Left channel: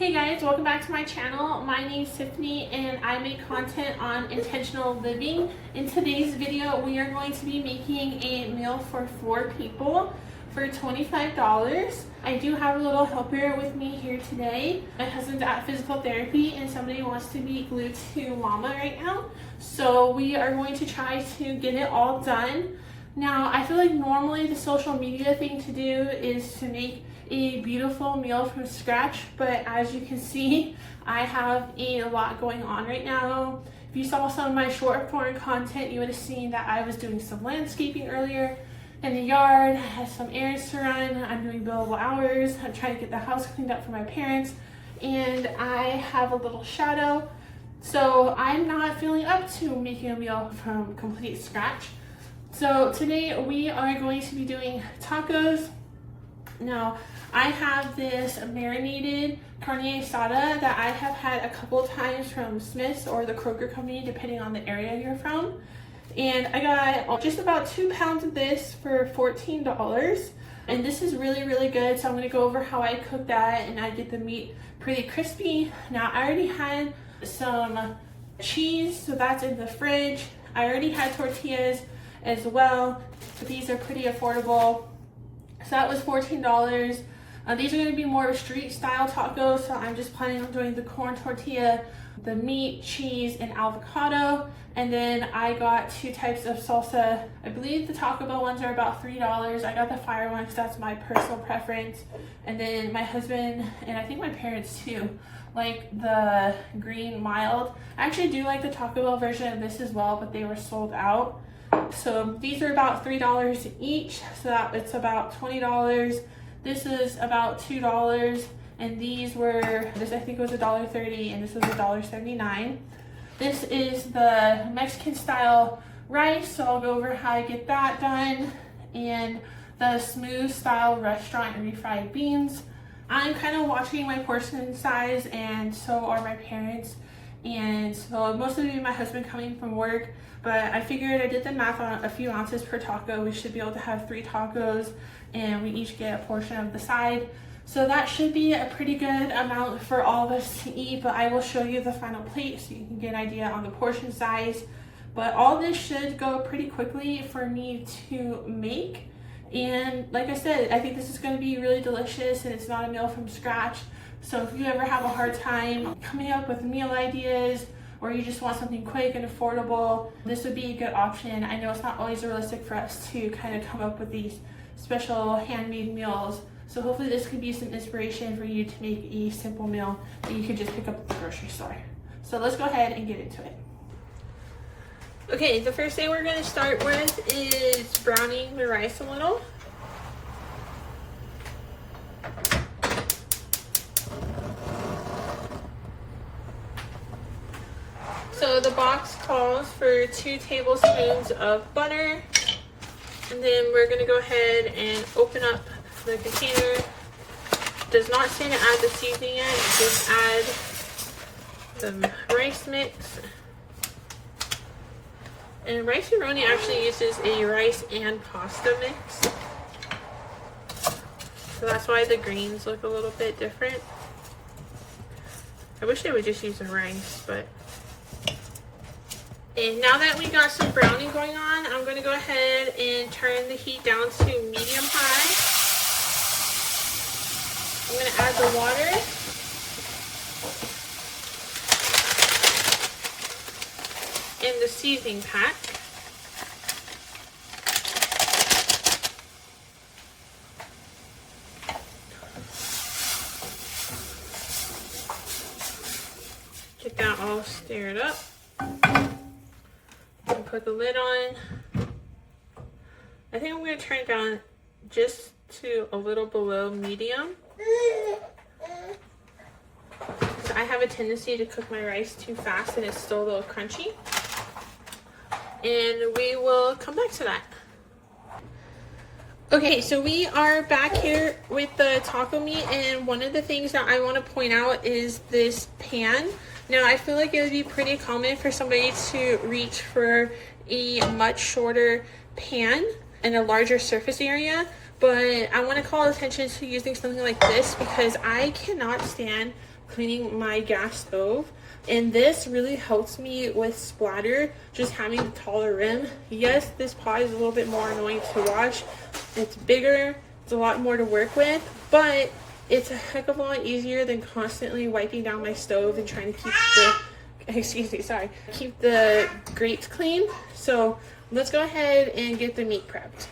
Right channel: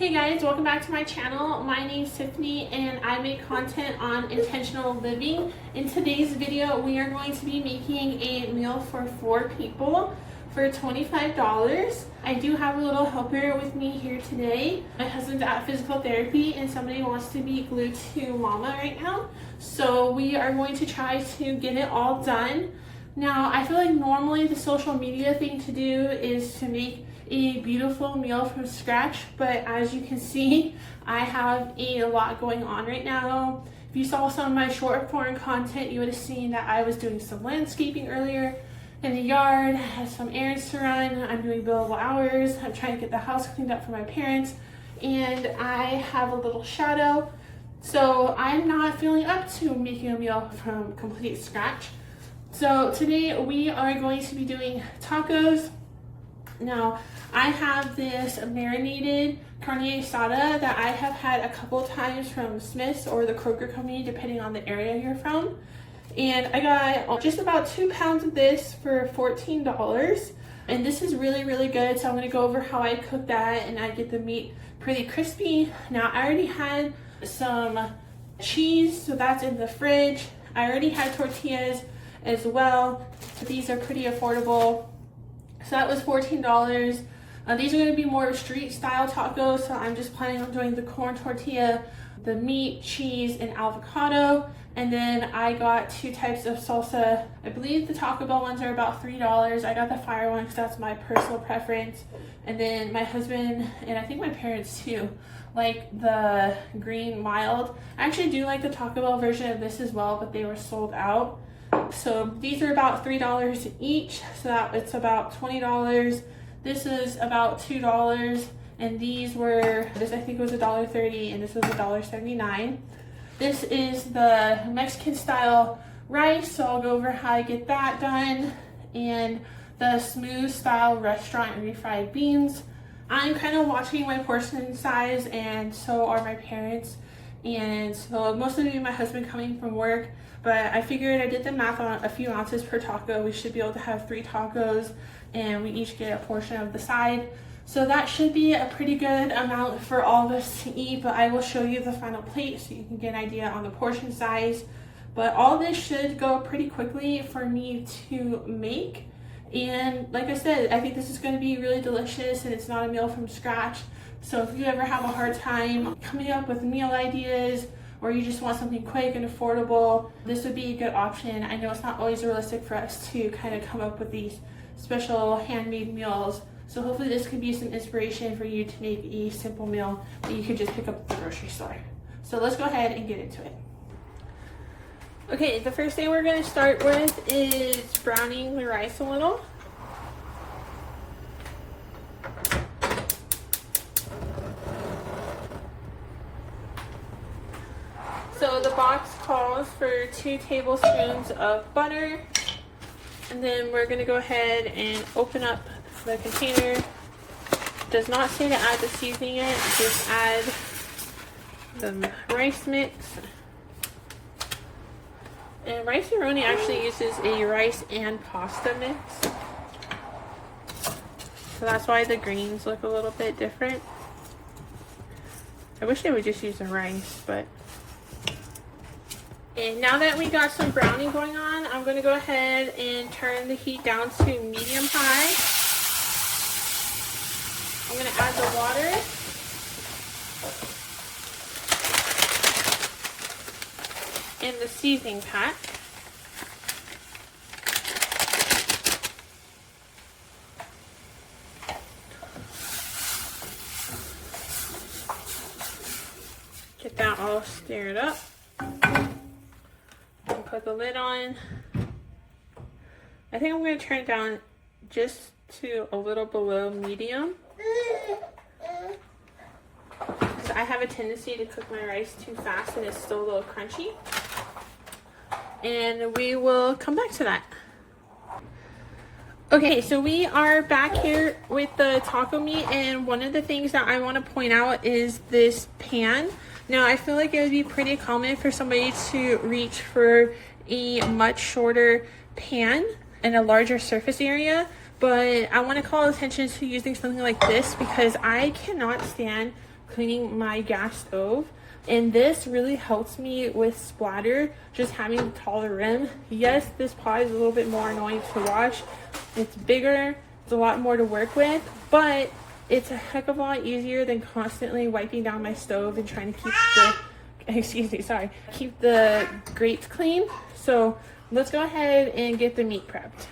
Hey guys, welcome back to my channel. My name is Tiffany and I make content on intentional living. In today's video, we are going to be making a meal for 4 people for $25. I do have a little helper with me here today. My husband's at physical therapy and somebody wants to be glued to mama right now. So we are going to try to get it all done. Now, I feel like normally the social media thing to do is to make a beautiful meal from scratch, but as you can see, I have a lot going on right now. If you saw some of my short form content, you would have seen that I was doing some landscaping earlier in the yard. I had some errands to run. I'm doing billable hours. I'm trying to get the house cleaned up for my parents, and I have a little shadow. So I'm not feeling up to making a meal from complete scratch. So today we are going to be doing tacos. Now, I have this marinated carne asada that I have had a couple times from Smith's or the Kroger company, depending on the area you're from. And I got just about 2 pounds of this for $14. And this is really, really good. So I'm gonna go over how I cook that and I get the meat pretty crispy. Now, I already had some cheese, so that's in the fridge. I already had tortillas as well. So these are pretty affordable. So that was $14. These are going to be more street style tacos, so I'm just planning on doing the corn tortilla, the meat, cheese, and avocado. And then I got 2 types of salsa. I believe the Taco Bell ones are about $3. I got the fire one because that's my personal preference. And then my husband, and I think my parents too, like the green mild. I actually do like the Taco Bell version of this as well, but they were sold out. So these are about $3 each, so that it's about $20. This is about $2, and these were, this I think was $1.30, and this was $1.79. This is the Mexican style rice, so I'll go over how I get that done, and the smooth style restaurant refried beans. I'm kind of watching my portion size, and so are my parents. And so most of it my husband coming from work, but I figured I did the math on a few ounces per taco. We should be able to have 3 tacos and we each get a portion of the side. So that should be a pretty good amount for all of us to eat, but I will show you the final plate so you can get an idea on the portion size. But all this should go pretty quickly for me to make. And like I said, I think this is going to be really delicious and it's not a meal from scratch. So if you ever have a hard time coming up with meal ideas or you just want something quick and affordable, this would be a good option. I know it's not always realistic for us to kind of come up with these special handmade meals. So hopefully this could be some inspiration for you to make a simple meal that you could just pick up at the grocery store. So let's go ahead and get into it. Okay, the first thing we're going to start with is browning the rice a little. So the box calls for 2 tablespoons of butter, and then we're going to go ahead and open up the container. It does not say to add the seasoning yet, just add the rice mix. And Rice-A-Roni actually uses a rice and pasta mix, so that's why the greens look a little bit different. I wish they would just use the rice, but. And now that we got some browning going on, I'm going to go ahead and turn the heat down to medium high. I'm going to add the water. And the seasoning pack. Get that all stirred up. Put the lid on. I think I'm going to turn it down just to a little below medium. So I have a tendency to cook my rice too fast and it's still a little crunchy. And we will come back to that. Okay, so we are back here with the taco meat, and one of the things that I want to point out is this pan. Now, I feel like it would be pretty common for somebody to reach for a much shorter pan and a larger surface area, but I want to call attention to using something like this because I cannot stand cleaning my gas stove. And this really helps me with splatter, just having a taller rim. Yes, this pot is a little bit more annoying to wash. It's bigger, it's a lot more to work with, but it's a heck of a lot easier than constantly wiping down my stove and trying to keep keep the grates clean. So let's go ahead and get the meat prepped.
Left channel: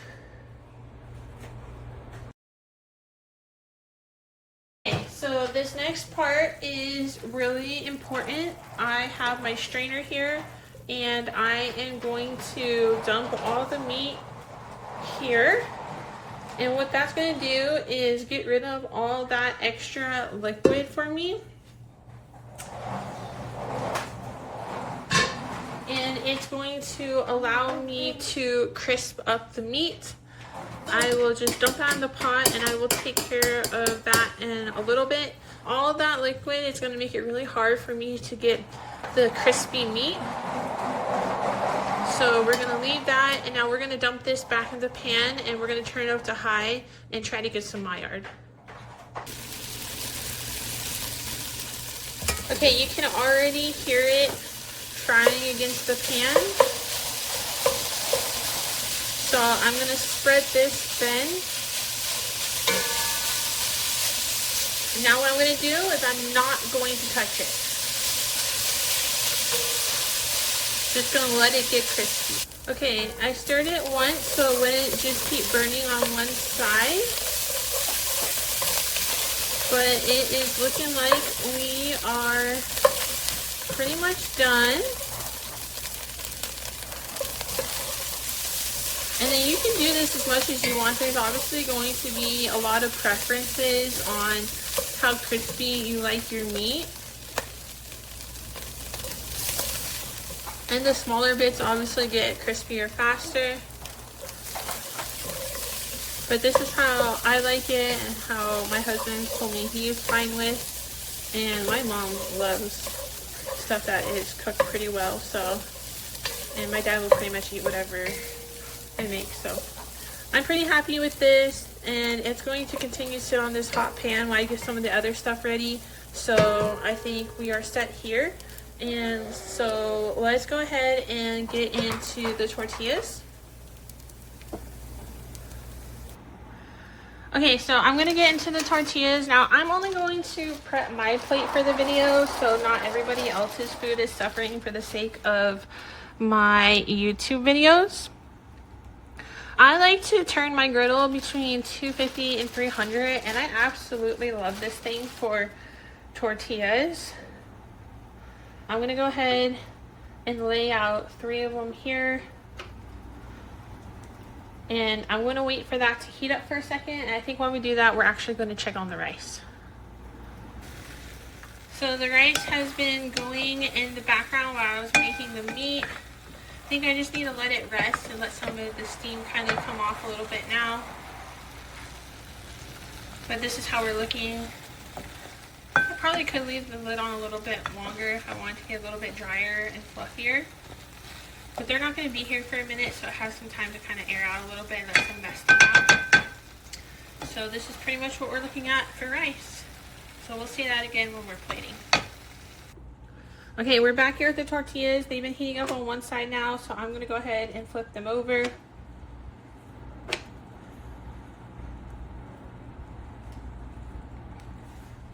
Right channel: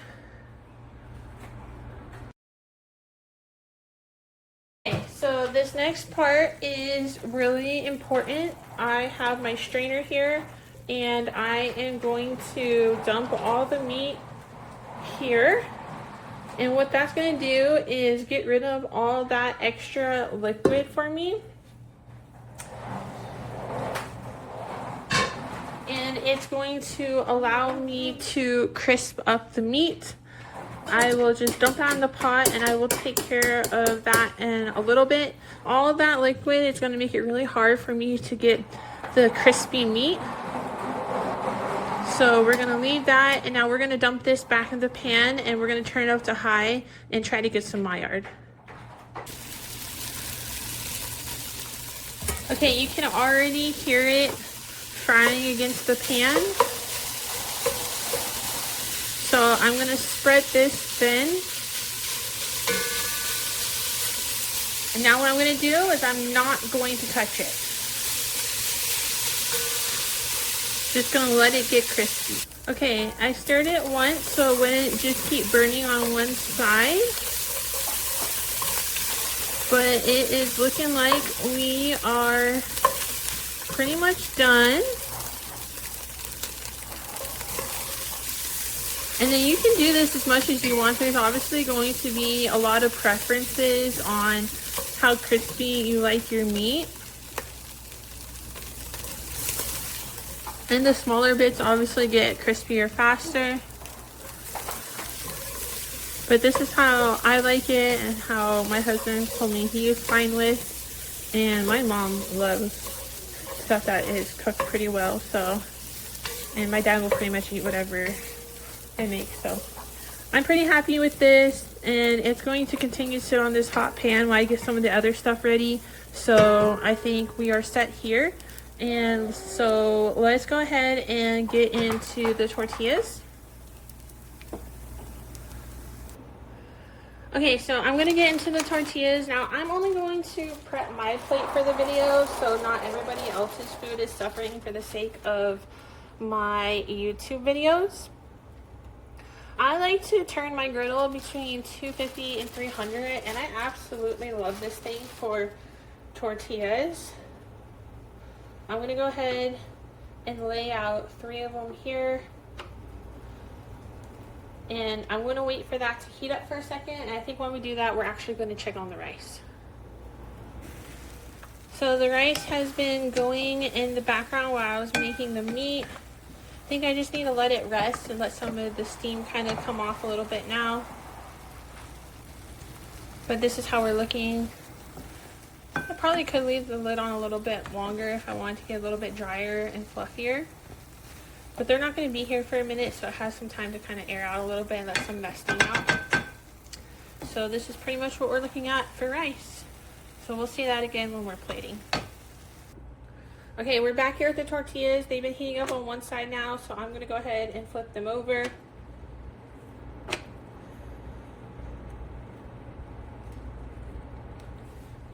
So this next part is really important. I have my strainer here and I am going to dump all the meat here. And what that's going to do is get rid of all that extra liquid for me. And it's going to allow me to crisp up the meat. I will just dump that in the pot and I will take care of that in a little bit. All of that liquid is going to make it really hard for me to get the crispy meat. So we're going to leave that, and now we're going to dump this back in the pan and we're going to turn it up to high and try to get some Maillard. Okay, you can already hear it frying against the pan. So I'm going to spread this thin. And now what I'm going to do is I'm not going to touch it. Just going to let it get crispy. Okay, I stirred it once so it wouldn't just keep burning on one side. But it is looking like we are pretty much done. And then you can do this as much as you want. There's obviously going to be a lot of preferences on how crispy you like your meat. And the smaller bits obviously get crispier faster. But this is how I like it and how my husband told me he is fine with. And my mom loves stuff that is cooked pretty well, so. And my dad will pretty much eat whatever I make. So I'm pretty happy with this, and it's going to continue to sit on this hot pan while I get some of the other stuff ready. So I think we are set here, and so let's go ahead and get into the tortillas. Okay, so I'm gonna get into the tortillas. Now I'm only going to prep my plate for the video, so not everybody else's food is suffering for the sake of my YouTube videos. I like to turn my griddle between 250 and 300, and I absolutely love this thing for tortillas. I'm gonna go ahead and lay out 3 of them here. And I'm gonna wait for that to heat up for a second, and I think while we do that, we're actually gonna check on the rice. So the rice has been going in the background while I was making the meat. I think I just need to let it rest and let some of the steam kind of come off a little bit now. But this is how we're looking. I probably could leave the lid on a little bit longer if I wanted to get a little bit drier and fluffier. But they're not going to be here for a minute, so it has some time to kind of air out a little bit and let some nesting out. So this is pretty much what we're looking at for rice. So we'll see that again when we're plating. Okay, we're back here with the tortillas. They've been heating up on one side now, so I'm gonna go ahead and flip them over.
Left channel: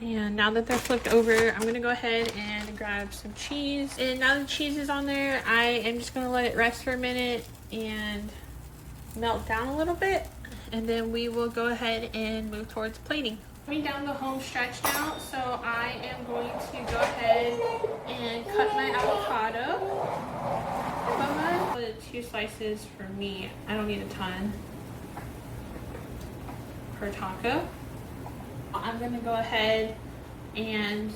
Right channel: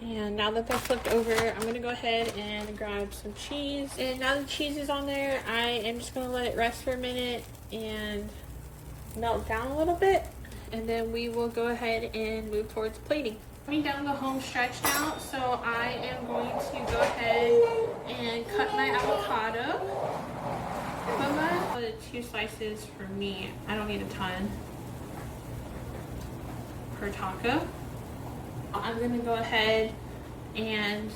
And now that they're flipped over, I'm gonna go ahead and grab some cheese. And now the cheese is on there, I am just gonna let it rest for a minute and melt down a little bit. And then we will go ahead and move towards plating. Coming down the home stretch now, so I am going to go ahead and cut my avocado. Put 2 slices for me. I don't need a ton per taco. I'm gonna go ahead and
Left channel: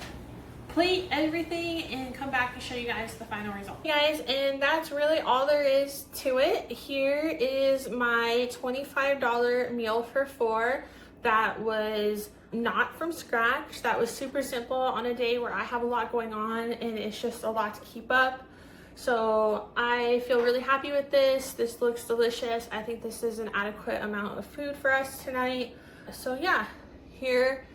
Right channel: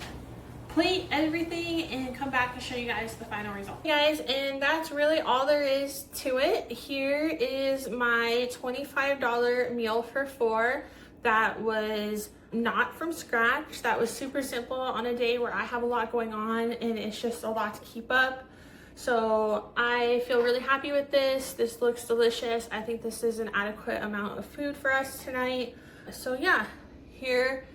plate everything and come back and show you guys the final result. Hey guys, and that's really all there is to it. Here is my $25 meal for 4 that was not from scratch. That was super simple on a day where I have a lot going on and it's just a lot to keep up. So I feel really happy with this. This looks delicious. I think this is an adequate amount of food for us tonight. So yeah, here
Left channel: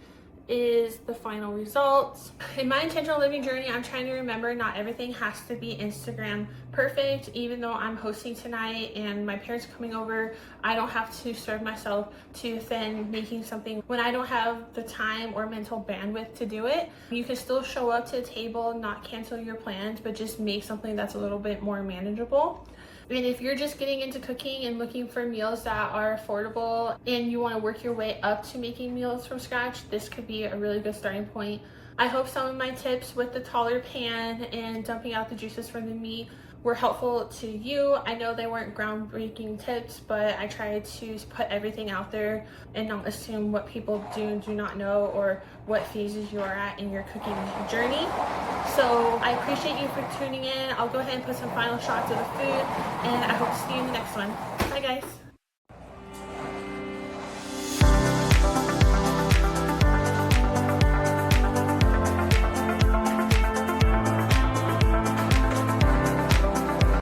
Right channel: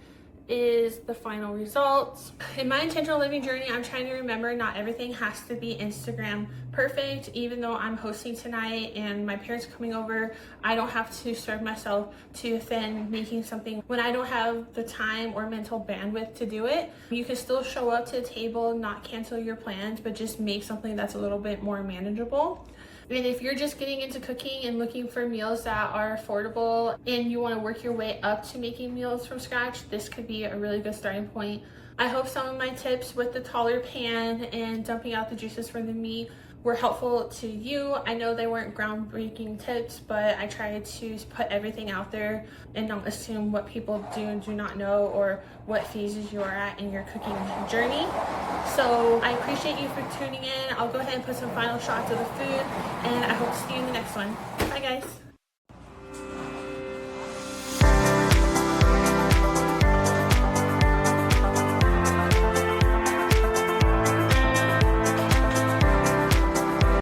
is the final results. In my intentional living journey, I'm trying to remember not everything has to be Instagram perfect. Even though I'm hosting tonight and my parents are coming over, I don't have to serve myself to offend making something when I don't have the time or mental bandwidth to do it. You can still show up to the table, not cancel your plans, but just make something that's a little bit more manageable. And if you're just getting into cooking and looking for meals that are affordable and you want to work your way up to making meals from scratch, this could be a really good starting point. I hope some of my tips with the taller pan and dumping out the juices from the meat were helpful to you. I know they weren't groundbreaking tips, but I tried to put everything out there and not assume what people do and do not know or what phases you are at in your cooking journey. So I appreciate you for tuning in. I'll go ahead and put some final shots of the food, and I hope to see you in the next one. Bye guys.